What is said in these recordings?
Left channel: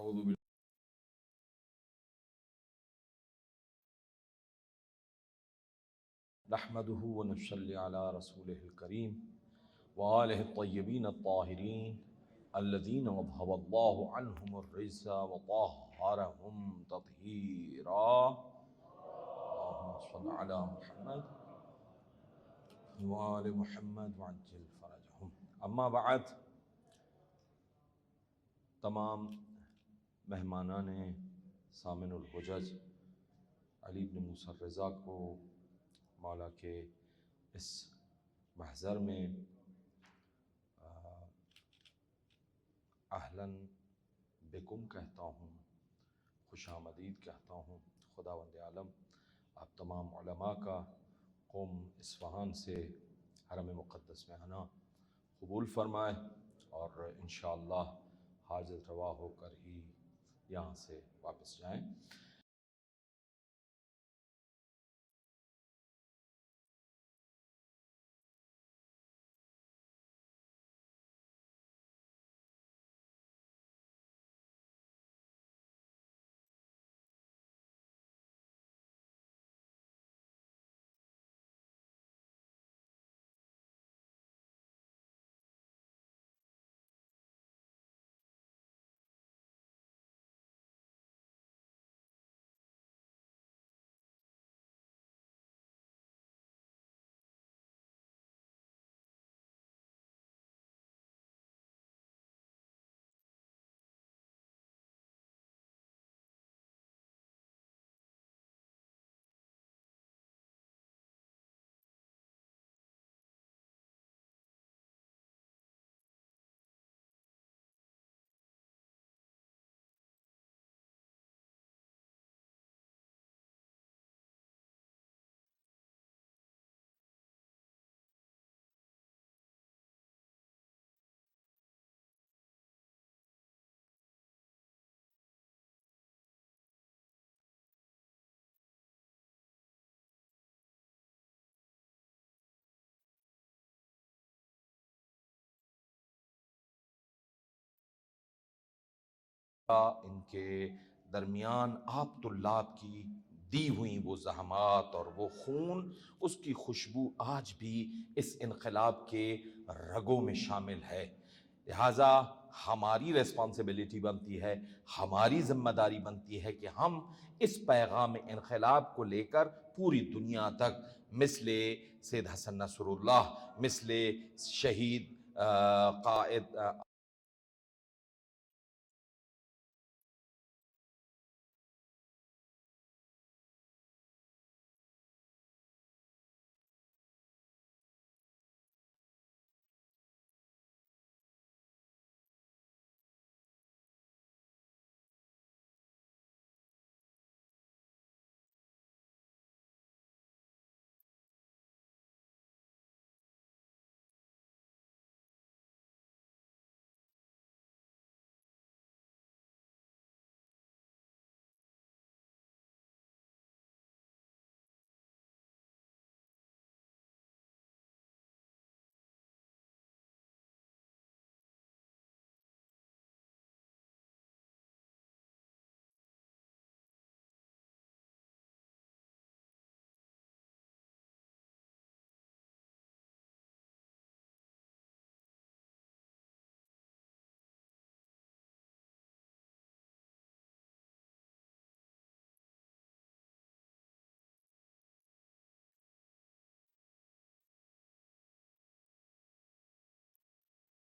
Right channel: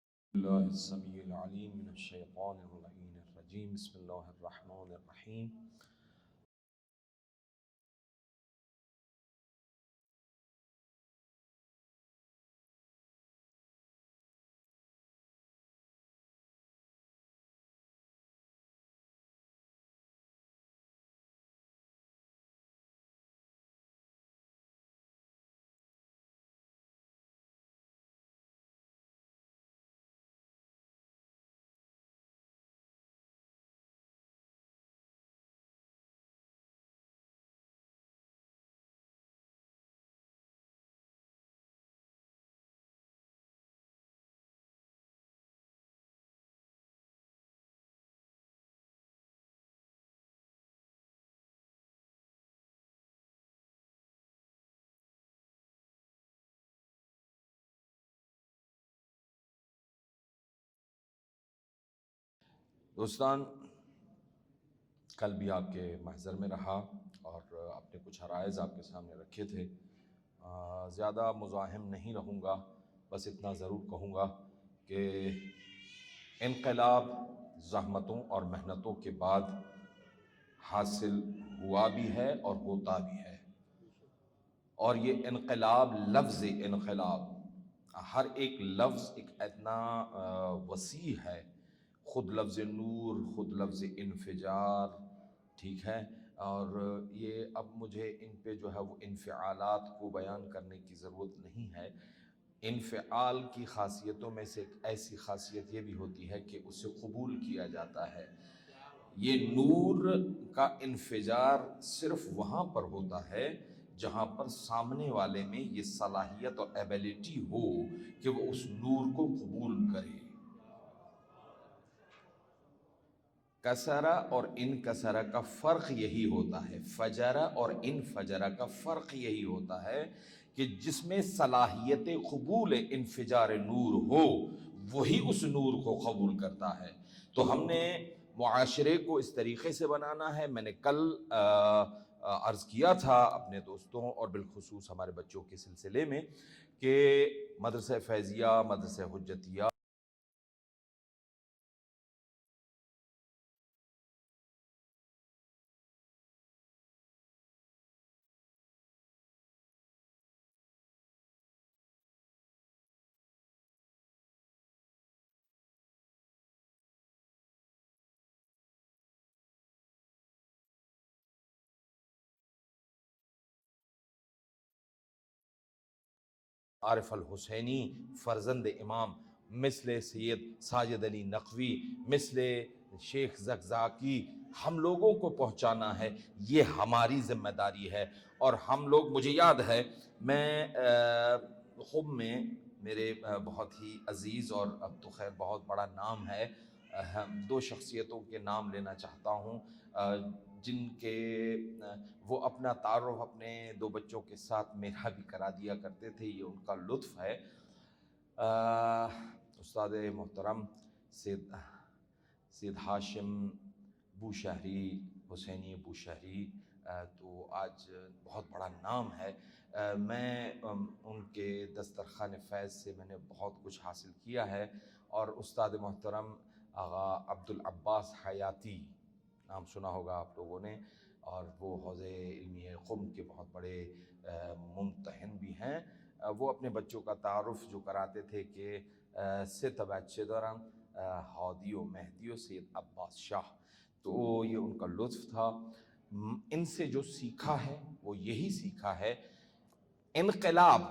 اعوذ باللہ السمیع العلیم من الشیطان اللعین الرجیم بسم اللہ الرحمن الرحیم نحمده ونصلی علی رسولہ الکریم وآلہ الطیبین الطاہرین الذین اذھب اللہ عنہم الرجس وطہرہم تطہیرا اللہم صل علی محمد وآل محمد وعجل فرجہم. اما بعد، تمام مہمانان سامن الحجج علی بن موسیٰ رضا کو مولا کے اس محضر میں اہلاً بکم کہتا ہوں، خوش آمدید کہتا ہوں. خداوند عالم آپ تمام علماء کا قوم اصفہان سے حرم مقدس میں آنا قبول فرمائے اور انشاءاللہ حاجت روا ہو کر ہی یہاں سے واپس جائیں. دوستان، کل بھی آپ کے محضر میں رہا اور اپنے کچھ عرائض آپ کے سامنے رکھے تھے. زیادہ مزاحم نہیں رہوں گا، بس اتنا ضرور کہوں گا کہ انقلاب زحمتوں اور محنتوں کے بعد حاصل ہوا بھی ہے اور ہوتا بھی ہے. اور یہ انقلاب، لفظ انقلاب، ہر ایک لفظ ایک اتنا وسیع ہے. خود لفظ نور، خود لفظ انفجار، ٹھیک ہے. اور یہ اب مجھے ان پہ جو ہے وہ انفعالات کو بیان کرنے کی ضرورت نہیں ہے. انفعال کی خاصیتوں میں سے ایک ایسی خاصیت یہ بھی ہوتی ہے کہ اسے قبول کیا جاتا ہے. یہ نور کا انفجار صرف وہاں پر ہوتا ہے جہاں پر سامنے والے میں یہ صلاحیت اور ایبیلٹی ہو کہ وہ اس نور کو قبول کرے. کسرہ اور انکسرہ کا فرق یہی ہوتا ہے، فجرہ اور انفجرہ کا فرق یہی ہوتا ہے کہ جس میں صلاحیت قبول انفجار نور ہو وہی اس نور کو قبول کرتا ہے. تو ہم نے معاشرے کو اس طریقے سے بنانا ہے. میں نے کل عرض کیا تھا اپنے دوستوں اور بالخصوص ہمارے بچوں کے سلسلے میں کہ مدرسہ فیضیہ، مدرسہ حجتیہ، ان کے درمیان آپ طلاب کی دی ہوئی وہ زحمات اور وہ خون، اس کی خوشبو آج بھی اس انقلاب کے رگوں میں شامل ہے. لہٰذا ہماری ریسپانسبلٹی بنتی ہے، ہماری ذمہ داری بنتی ہے کہ ہم اس پیغام انقلاب کو لے کر پوری دنیا تک مثل سید حسن نصر اللہ، مثل شہید قائد عارف الحسینی فرزند امام، مثل سید ساجد علی نقوی، مثل شیخ زکزاکی، ہم لوگوں کو پہنچانا ہے. یہ ہماری ذمہ داری ہے. اور ہم لوگ، مجھے یاد ہے میں خب میں میرے بہت ہی عزیز اور اب تو خیر بہت بڑا نام ہے، دو شخصیتوں کے نام لینا چاہتا ہوں جن کے وہ اپنا تعارف اپنے دو بچوں کے ساتھ میرا بھی کرا دیا کرتے تھے. یہ ان کا لطف ہے. استاد محترم سید ہاشم بوشہری، حسینی بوشہری، تو آج بہت بڑا نام ہے. میں ان کے دسترخوان فیض سے میں نے بہت کچھ حاصل کیا ہے. اور استاد محترم آغا عبدالعباس حیاتی، نام سنا ہوگا آپ لوگوں نے، اور وہ حوزہ علمی قم کے بہت بڑے ممتحن بھی ہیں. وہ اپنے بچوں کا تعارف جو کراتے تھے کہ ست بچے دارم ہادی و مہدی و سید عباس شاہ، تو یہ ان کا لطف تھا. ان سے جو سیکھا ہے وہ یہی سیکھا ہے. انقلاب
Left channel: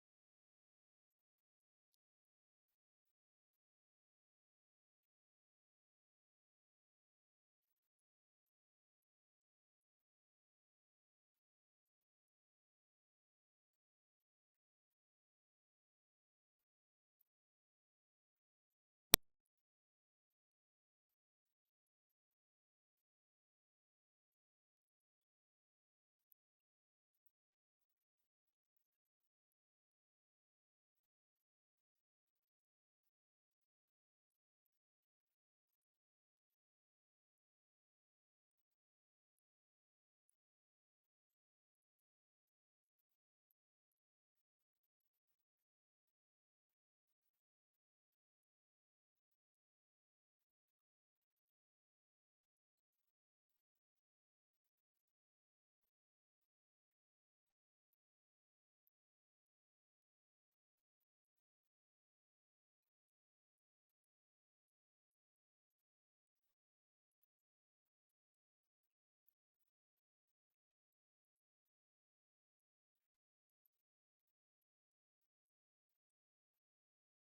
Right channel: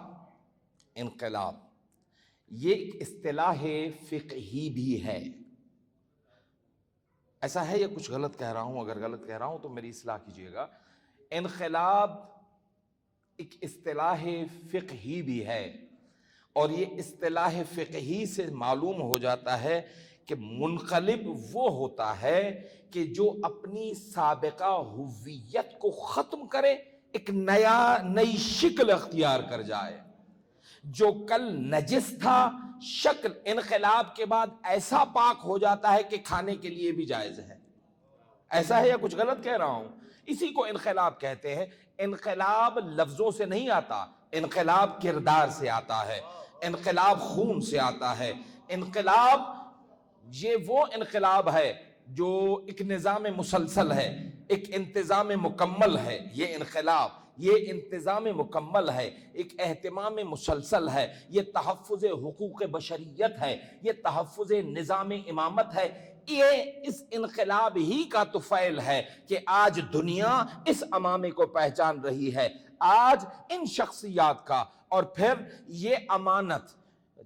یہ ایک اصطلاح فقہی بھی ہے. ایسا ہے یا کچھ غلط کہہ رہا ہوں؟ اگر غلط کہہ رہا ہوں تو میری اصلاح کیجیے گا. انقلاب ایک اصطلاح فقہی بھی ہے، اور یہ اصطلاح فقہی سے معلوم ہو جاتا ہے کہ منقلب وہ ہوتا ہے کہ جو اپنی سابقہ ہویت کو ختم کرے، ایک نئی شکل اختیار کر جائے. جو کل نجس تھا، شکل انقلاب کے بعد ایسا پاک ہو جاتا ہے کہ کھانے کے لیے بھی جائز ہے. ایسا ہے یا کچھ غلط کہہ رہا ہوں؟ اسی کو انقلاب کہتے ہیں. انقلاب لفظوں سے نہیں آتا، انقلاب کردار سے آتا ہے، انقلاب خون سے آتا ہے. انقلاب یہ وہ انقلاب ہے جو ایک نظام مسلسل ہے، ایک انتظام مکمل ہے. یہ انقلاب، یہ انتظام مکمل ہے، ایک اہتمام مسلسل ہے، یہ تحفظ حقوق بشریت ہے، یہ تحفظ نظام امامت ہے. یہ اس انقلاب ہی کا تو فعل ہے کہ آج دنیا اس امامے کو پہچان رہی ہے. آج ان شخصیات کا، اور پھر یہ امانت،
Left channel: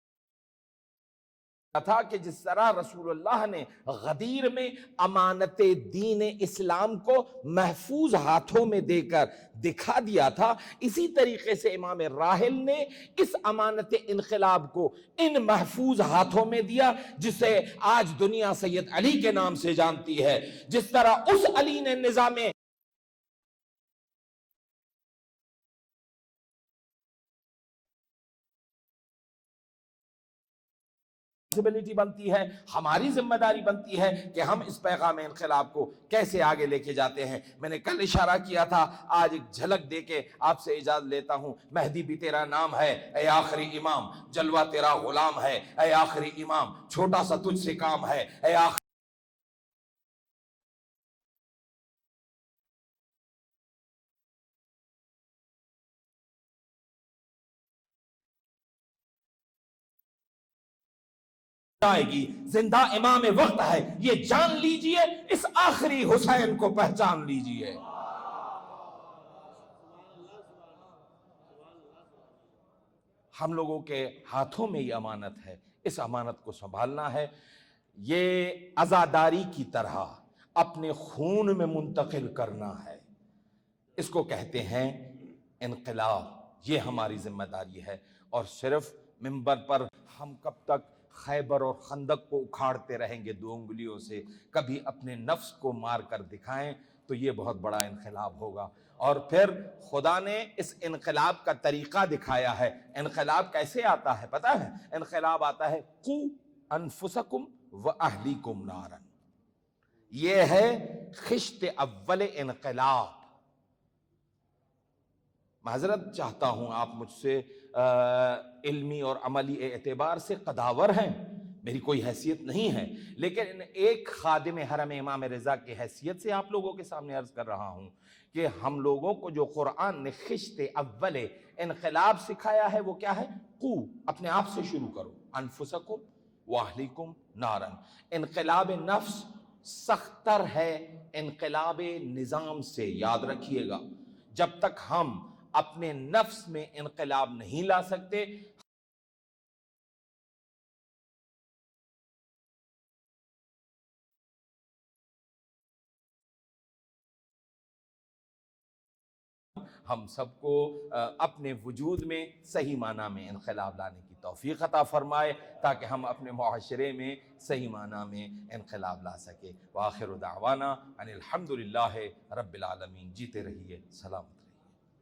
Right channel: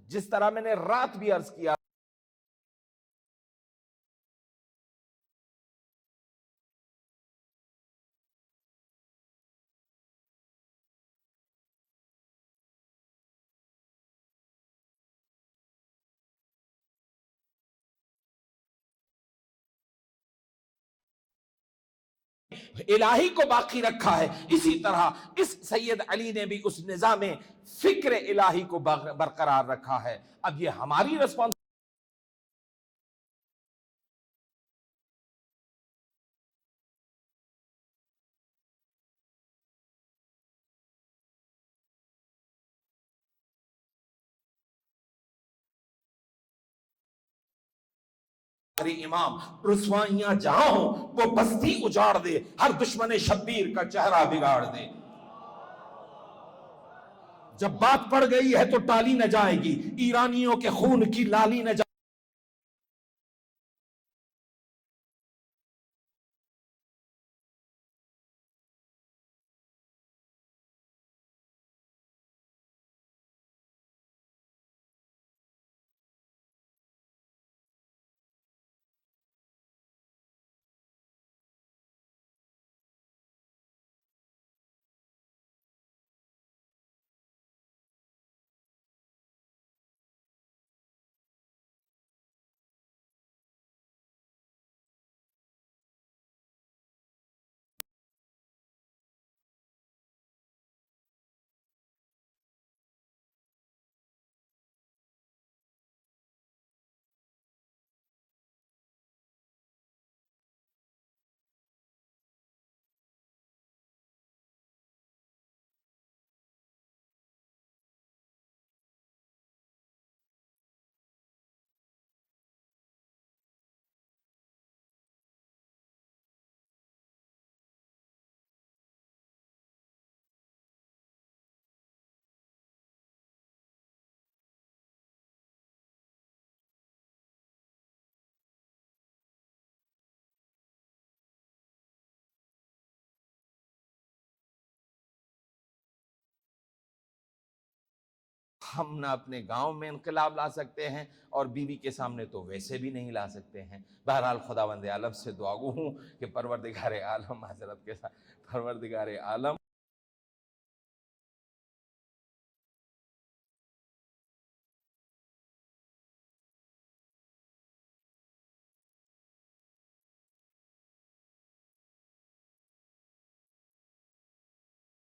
جس طرح میں نے رات بھی عرض کیا تھا کہ جس طرح رسول اللہ نے غدیر میں امانت دین اسلام کو محفوظ ہاتھوں میں دے کر دکھا دیا تھا، اسی طریقے سے امام راحل نے اس امانت انقلاب کو ان محفوظ ہاتھوں میں دیا جسے آج دنیا سید علی کے نام سے جانتی ہے. جس طرح اس علی نے نظام الہی کو باقی رکھا ہے، اسی طرح اس سید علی نے بھی اس نظام فکر الہی کو برقرار رکھا ہے. اب یہ ہماری ریسپانسبلٹی بنتی ہے، ہماری ذمہ داری بنتی ہے کہ ہم اس پیغام انقلاب کو کیسے آگے لے کے جاتے ہیں. میں نے کل اشارہ کیا تھا، آج ایک جھلک دے کے آپ سے اجازت لیتا ہوں. مہدی بھی تیرا نام ہے اے آخری امام، جلوہ تیرا غلام ہے اے آخری امام، چھوٹا سا تجھ سے کام ہے اے آخری امام. رسوائیاں جہاں ہوں وہ بستی اجاڑ دے، ہر دشمن شبیر کا چہرہ بگاڑ دے. جب بات پڑ گئی ہے تو ٹالی نہ جائے گی، ایرانیوں کے خون کی لالی نہ جائے گی. زندہ امام وقت ہے، یہ جان لیجئے، اس آخری حسین کو پہچان لیجئے. ہم لوگوں کے ہاتھوں میں یہ امانت ہے، اس امانت کو سنبھالنا ہے. یہ عزاداری کی طرح اپنے خون میں منتقل کرنا ہے. اس کو کہتے ہیں انقلاب. یہ ہماری ذمہ داری ہے. اور صرف منبر پر ہم کب تک خیبر اور خندق کو اکھاڑتے رہیں گے 2 انگلیوں سے، کبھی اپنے نفس کو مار کر دکھائیں تو یہ بہت بڑا انقلاب ہوگا. اور پھر خدا نے اس انقلاب کا طریقہ دکھایا ہے. انقلاب کیسے آتا ہے پتہ ہے؟ انقلاب آتا ہے قو انفسکم واہلیکم نارا. یہ ہے خشت اول انقلاب. معذرت چاہتا ہوں، آپ مجھ سے علمی اور عملی اعتبار سے قداور ہیں، میری کوئی حیثیت نہیں ہے، لیکن ایک خادم حرم امام رضا کی حیثیت سے آپ لوگوں کے سامنے عرض کر رہا ہوں کہ ہم لوگوں کو جو قرآن نے خشت اول انقلاب سکھایا ہے وہ کیا ہے؟ قو، اپنے آپ سے شروع کرو، انفسکم واہلیکم نارن. انقلاب نفس سختر ہے انقلاب نظام سے. یاد رکھیے گا، جب تک ہم اپنے نفس میں انقلاب نہیں لا سکتے، ہم نہ اپنے گاؤں میں انقلاب لا سکتے ہیں، اور بیوی کے سامنے تو ویسے بھی نہیں لا سکتے ہیں. بہرحال خداوند عالم سے دعا گو ہوں کہ پروردگار عالم، معذرت کے ساتھ، پروردگار عالم ہم سب کو اپنے وجود میں صحیح معنی میں انقلاب لانے کی توفیق عطا فرمائے، تاکہ ہم اپنے معاشرے میں صحیح معنی میں انقلاب لا سکے. وآخر دعوانا ان الحمدللہ رب العالمین. جیتے رہیے، سلامت.